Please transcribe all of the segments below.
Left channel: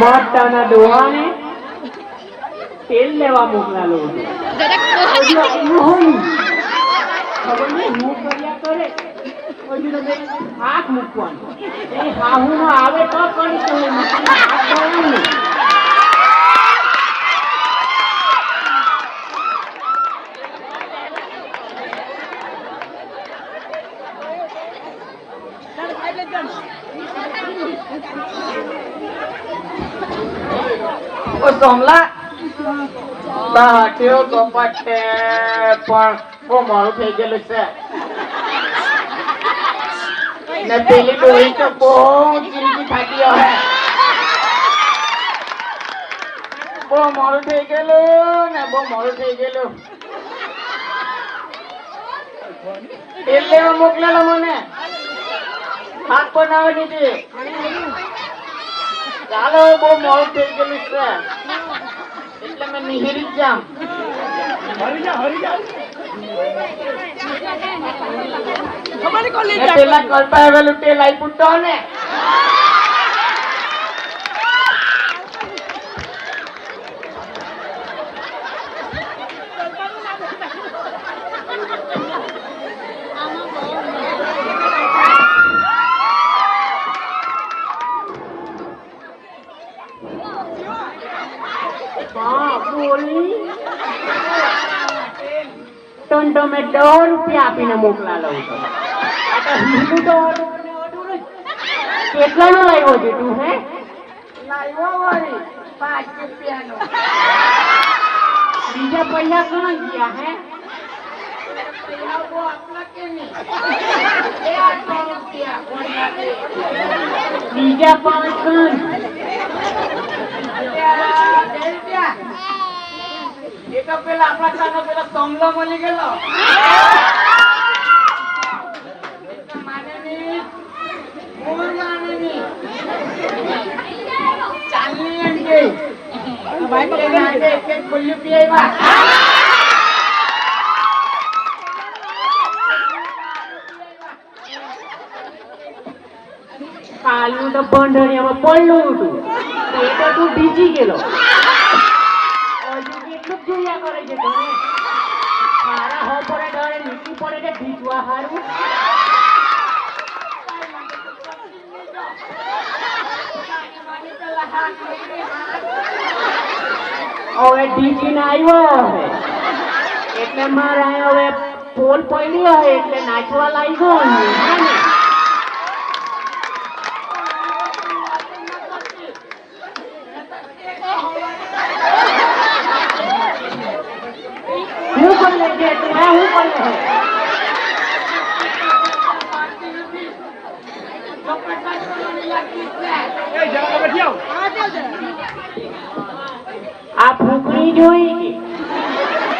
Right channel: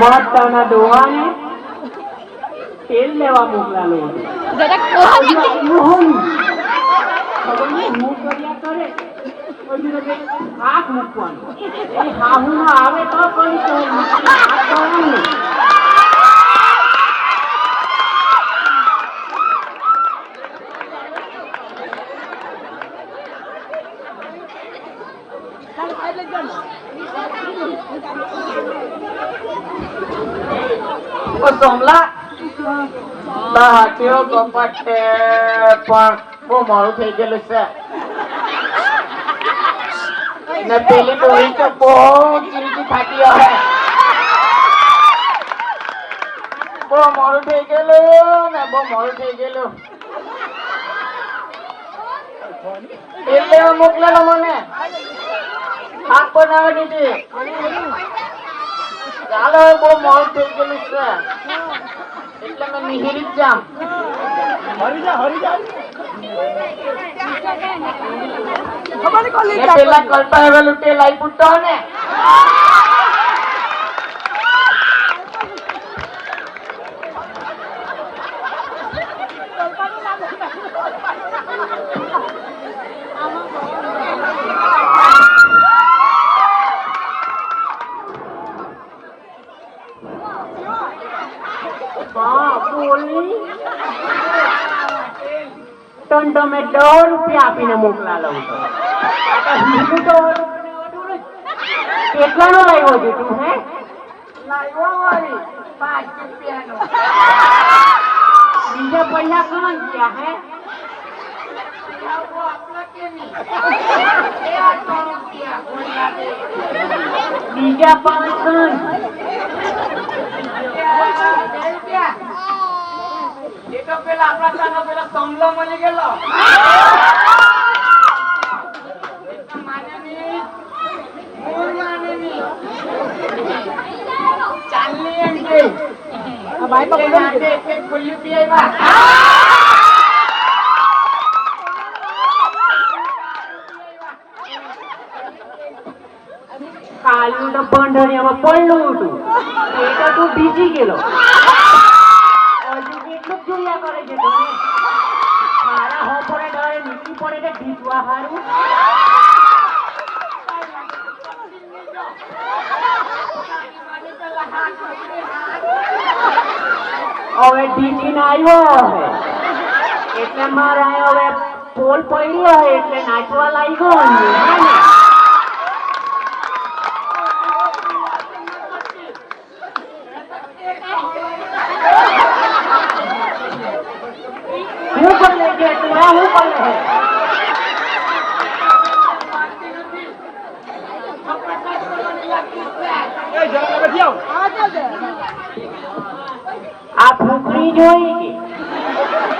માતાના ડોહાને તેલ લેવા મોકલાલો હાથ મૂકવાનું હાહુમાં આવે તો સોમલા કેવો કપાટ છે પણ બહુ મોડું થઈ ગયેલું છે ને પેલી ડોહી તો બહુ ગીરજી થાકી આવે બહુ મોડું થઈ ગયેલું ને બહુ મોડું થઈ ગયેલું એટલે મોકલેલા મને હાથ બનાવવાની હતી ચાલો બહુ મોડું થઈ ગયેલું છે એટલે મેં નિહિરી જ જામ પેલા કરતા આવેલું તે લાઈ પૂછતો ને ₹2 આપીને મોકલાલો કેટલાનો લાવ્યો છે તું હે બીજા પૈસા ક્યાં ગયા હે બીજા 5 તો પેલા આપણા ચાનો પેલા સોમલો મળી ગયેલો ચાલની એમ કે ભાઈ પકડી એક ખુલ્લી પી આવ્યા કાલનું તો બંધરિયામાં પડલું હતું એ તો તું ભીજી ગયેલો જોયા કરે છે મારા હોપરે ડરે નીકળી પડે છે ભીજવા હારું હવે ઢીચીને આવ્યો હવે એટલે મારે હવે ફોન પડી હોય એટલે નાચવા લાગ્યો આ ફૂકરી જોઈ કે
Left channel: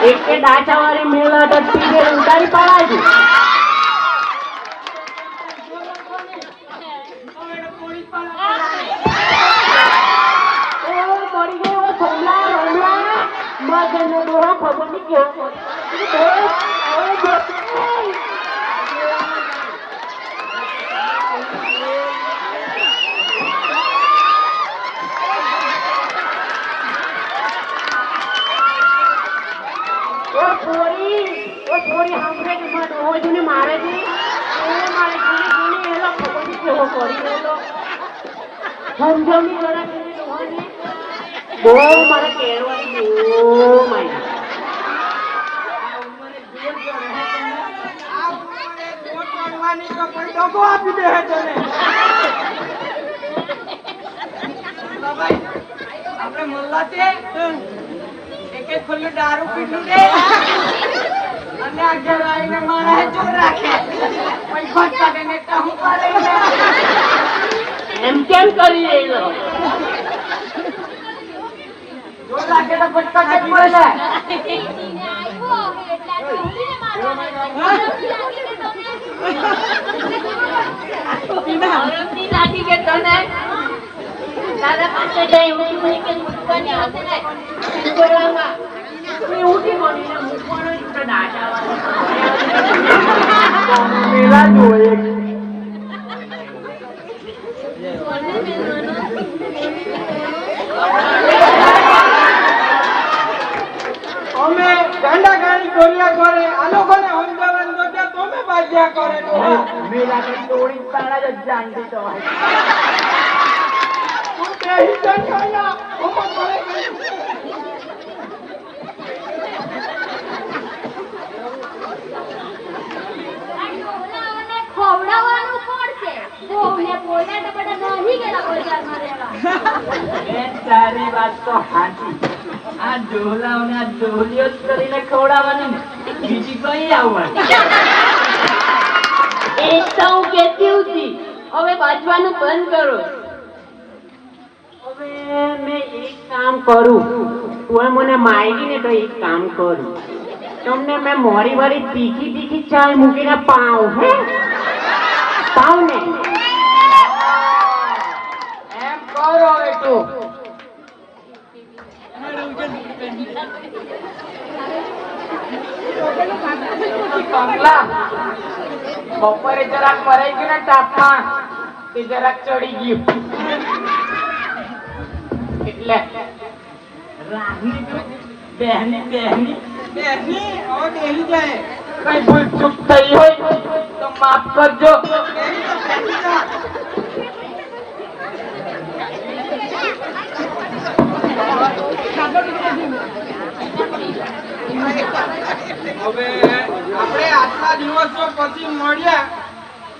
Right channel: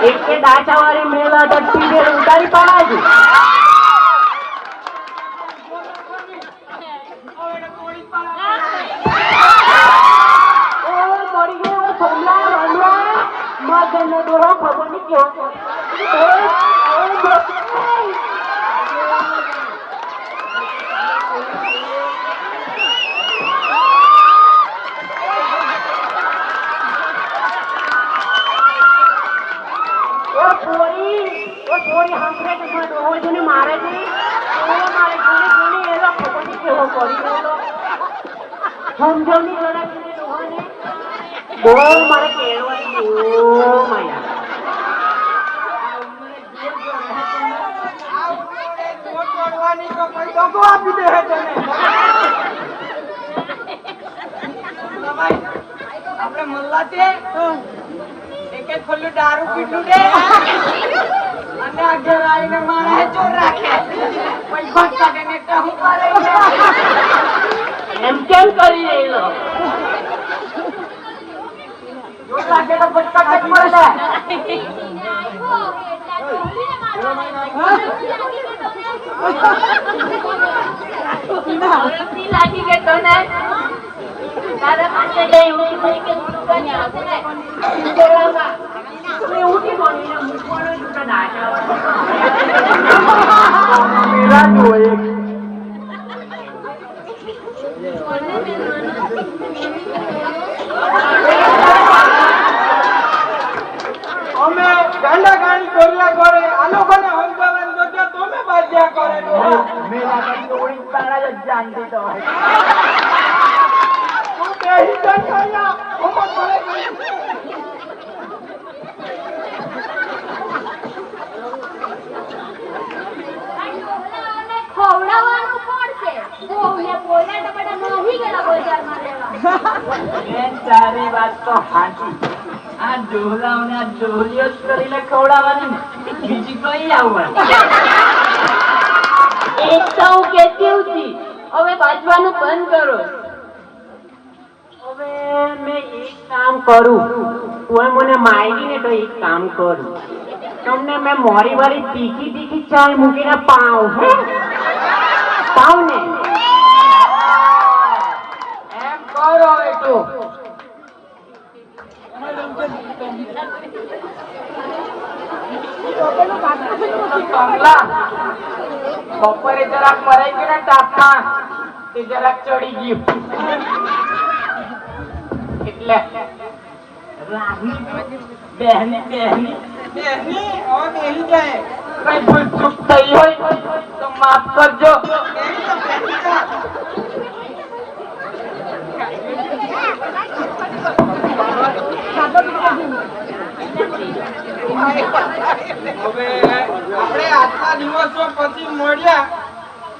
એક કે ડાચા વાળી મેળા તો ટીવી ઉતારી પાડે આપણે મોલ્લા છે એક એક ખુલ્લું દારૂ પીધું દે અને આગળ આવીને મારા ચોર રાખે પૈસા કાઢે ને હું કરે એમ કેમ કરી રહ્યો ચોર રાખે તો પૈસા કાઢી પડે લાગી કે તને દાદા પાસે જઈ ઉઠી પડી કે દુકાની હશે ને સિંદોરામાં તું ઉઠી પડીને મૂકવાનો જ ઉઠે દાટા મેરા જોયે અમે ગાંડા ગાડી ગોળિયા ગોળે આ લોકોને સમજાવવાનું તો કે તમે બાજ્યા કરે મેરા કદી ઓળી તાણા જ જાણતી તો હોય. તું બેહી જા ખાયા ઓમાં બોલે ખવડાવવાનું પડશે. વહુને પોળના ટમાટા નહીં ગયેલા બજારમાં રહેવા. બેન તારી વાત તો સાચી. આ ડોલાઓના ડોલીઓ જ કરીને ખવડાવવાની ને બીજી કઈ આવવાની. એક તો હું કહેતી હતી, હવે બાજવાનું બંધ કરો. હવે મેં એક કામ કરું, તું મને માગી ને તો એક કામ કરું. તમને મેં મોડી વાળી તીખી તીખી ચાય મૂકીને પાવ હે પાવ ને એમ કરો એ તો કમલા બપોરે જરાક ભરાઈ ગયું ને તાપમાં તે જરાક ચડી ગયું એટલે રાહી બહેની બહેની બેસી હવે બેસી જાય કઈ ભૂલ ચૂક થઈ હોય તો માફ કરજો. બેસી જા, બેસી જા. હવે આપણે આટલા દિવસો પછી મળ્યા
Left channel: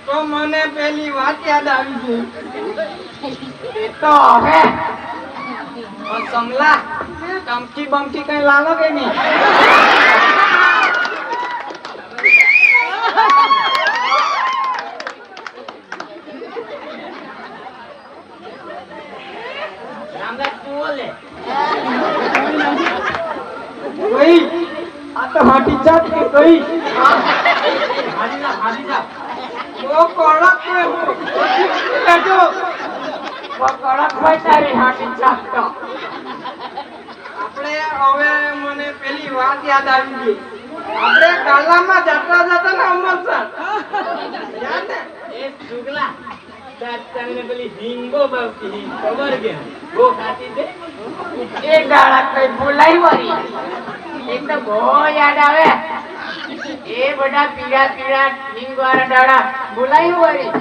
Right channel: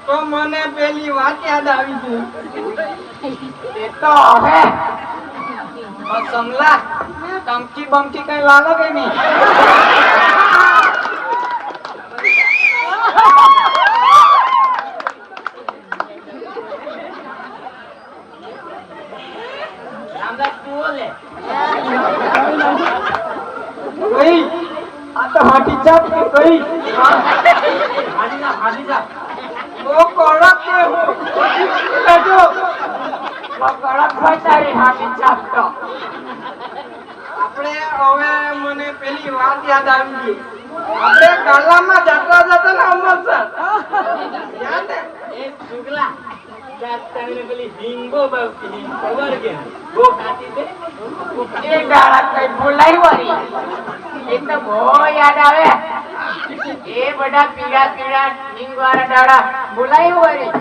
તો મને પેલી વાત યાદ આવી ગઈ. એ તો હે કમલા ટમકી બમકી કઈ લાવો કે નહીં? રામદાસ તું બોલે. કઈ આ તો હાટી ચાપ કે કઈ હાજી જા બહુ કડક છે હું પછી લેજો તો કડક હોય તારી હાથી ચાપ તો. આપણે હવે મને પેલી વાત યાદ આવી ગઈ. આપણે કાલામાં જતા જતા ને અમરસર યાદ ને એ સુગલા તાર તમને પેલી હિંગો બાવતી હિંગ ખબર કે બહુ ખાતી છે. એ દાડા કઈ બોલાઈ વળી એક તો બહુ યાદ આવે એ બધા પીળા પીળા હિંગ વાળા દાડા બોલાઈ વળી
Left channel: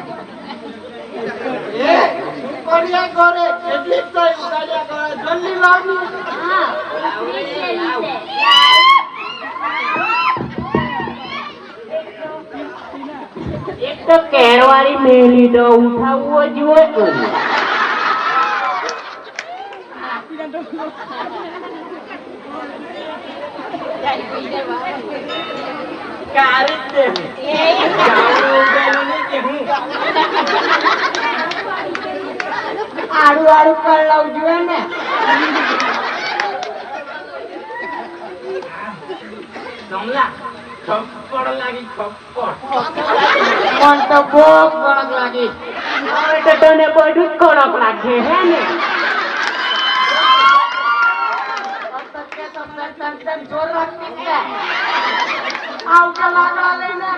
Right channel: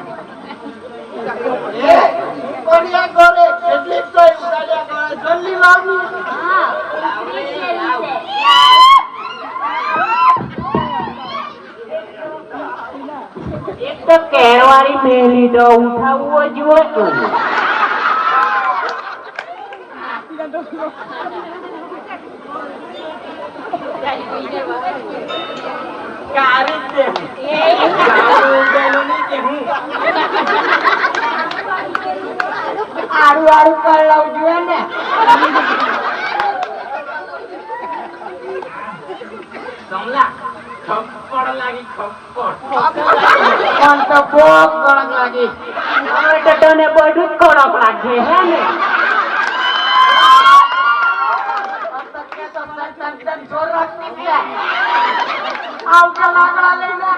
એ ઉપડિયા કરે કેટલી કઈ ઉતાર્યા કરે જલ્દી લાવની હા, લાવ. એક તો કેળવાળી મેલી તો ઉઠાવવો જ હોય તો કારી જ દે. ગાવડું ઉગાડ્યું નહીં કે હું આડું આડું કર લાવ જોઈએ ને કમલા ખપ્પડ લાગી ખપ્પડ. પણ તો બહુ કડક લાગી હવે તો તને બધું જ કડક લાગે હે ને. જોર રાખતી છે આવતા લાકડા લઈને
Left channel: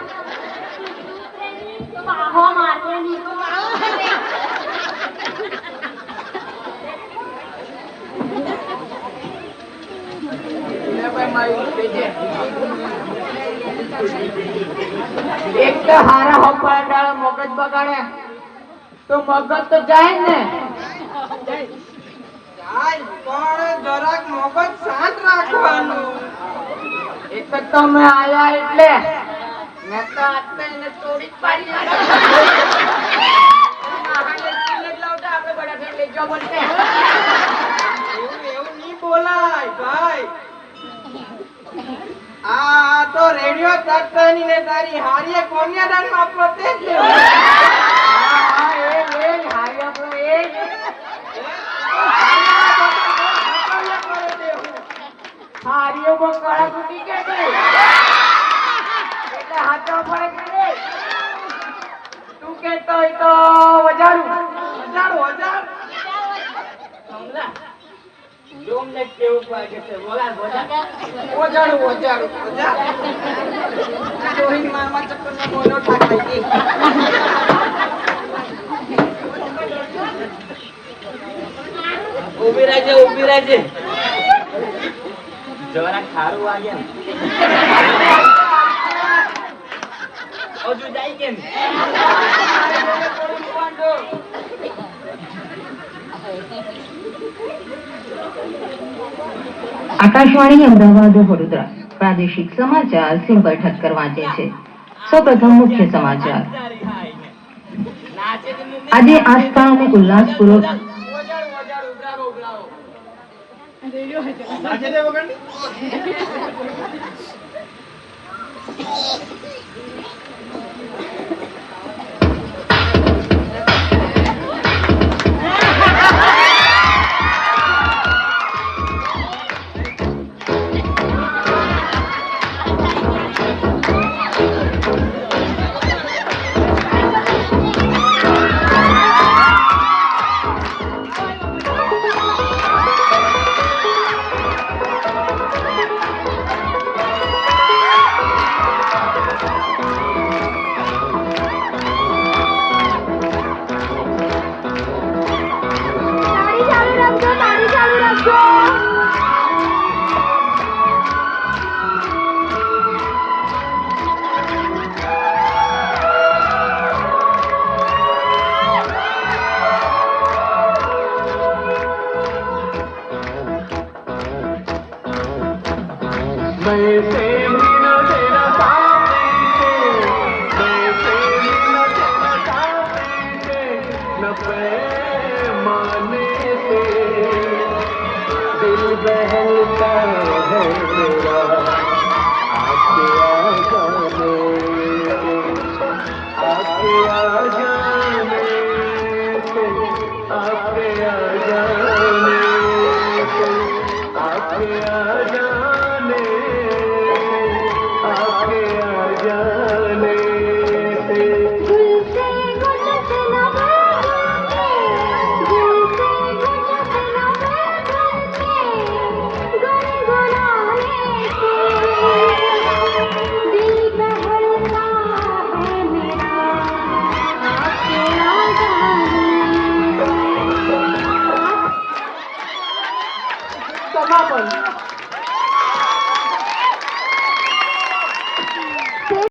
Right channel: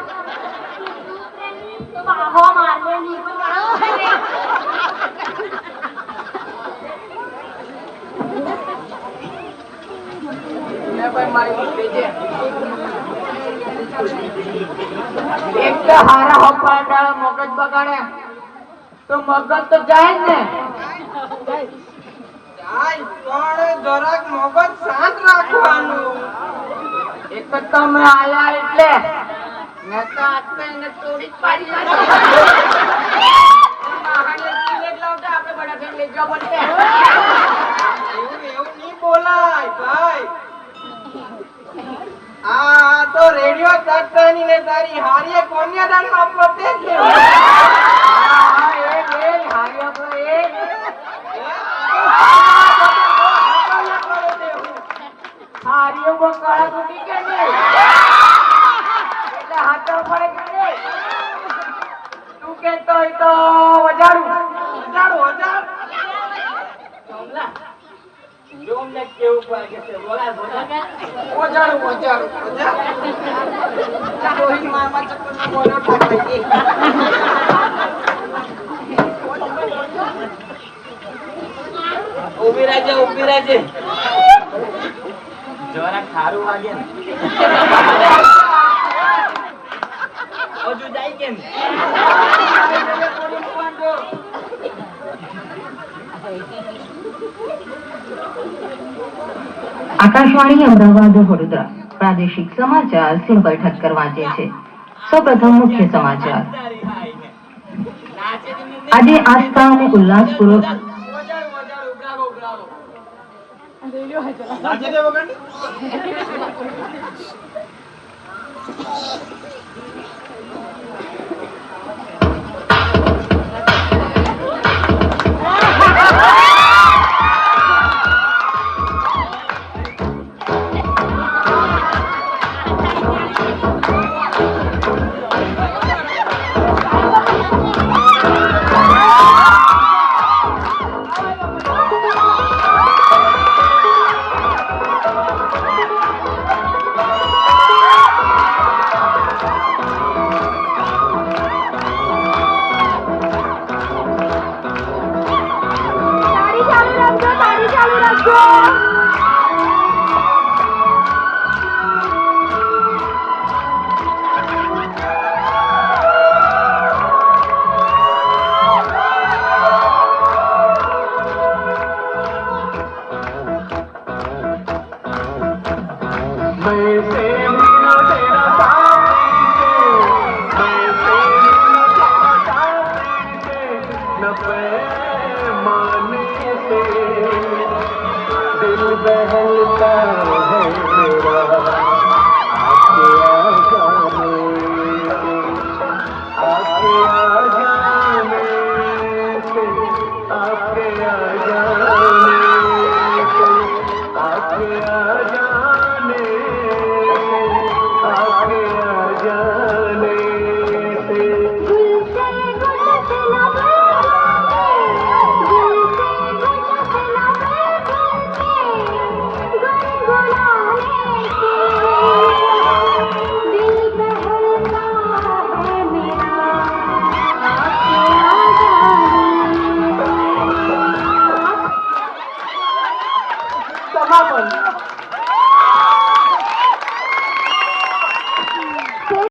બાબો મારે નહીં. લે ભાઈ મારી બેજે એક તો હારા હોપા ડાળ મગજ બગાડે તો મગજ તો જાય જ ને જાય પણ જરાક મગજ શાંત રાખવાનું. એક તો તમે આયા એટલે ને તો આતે એને તોડી જ પાડી મહાને કિલેટ લાવતા આપણે બડા થઈને લઈ જવા મળશે એવું એવું નહીં બોલાય ભાઈ. આ તો રેડિયો તાટકાની ને તારી હારીએ કોન્યા દાન આપો તે જ લેવું. હા એ હારી આપણો એ હારીઓ બહુ કળા તૂટી કે નહીં એટલે હાથો પડે કે નહીં તું કહેતો હોય તો વજાડું કમલા જો અમને કેવું લાગે છે બોલા બોલા. ઓજાડું. રોહિત મારમાં ચક્કરમાં મોનો ઠાકાઈ ગઈ. ઊભી રહેજે જરા ખારું વાગે ને હજુ જાય કે ને આકાશવાણી અમદાવાદ વડોદરા પ્રાદેશિક સમાચાર સિમ્પલ ઠક્કર વાંચે છે. સૌપ્રથમ મુખ્ય સમાચાર. આજે આસ્થા અને ઉલ્લાસપૂર્વક दिल बहलता है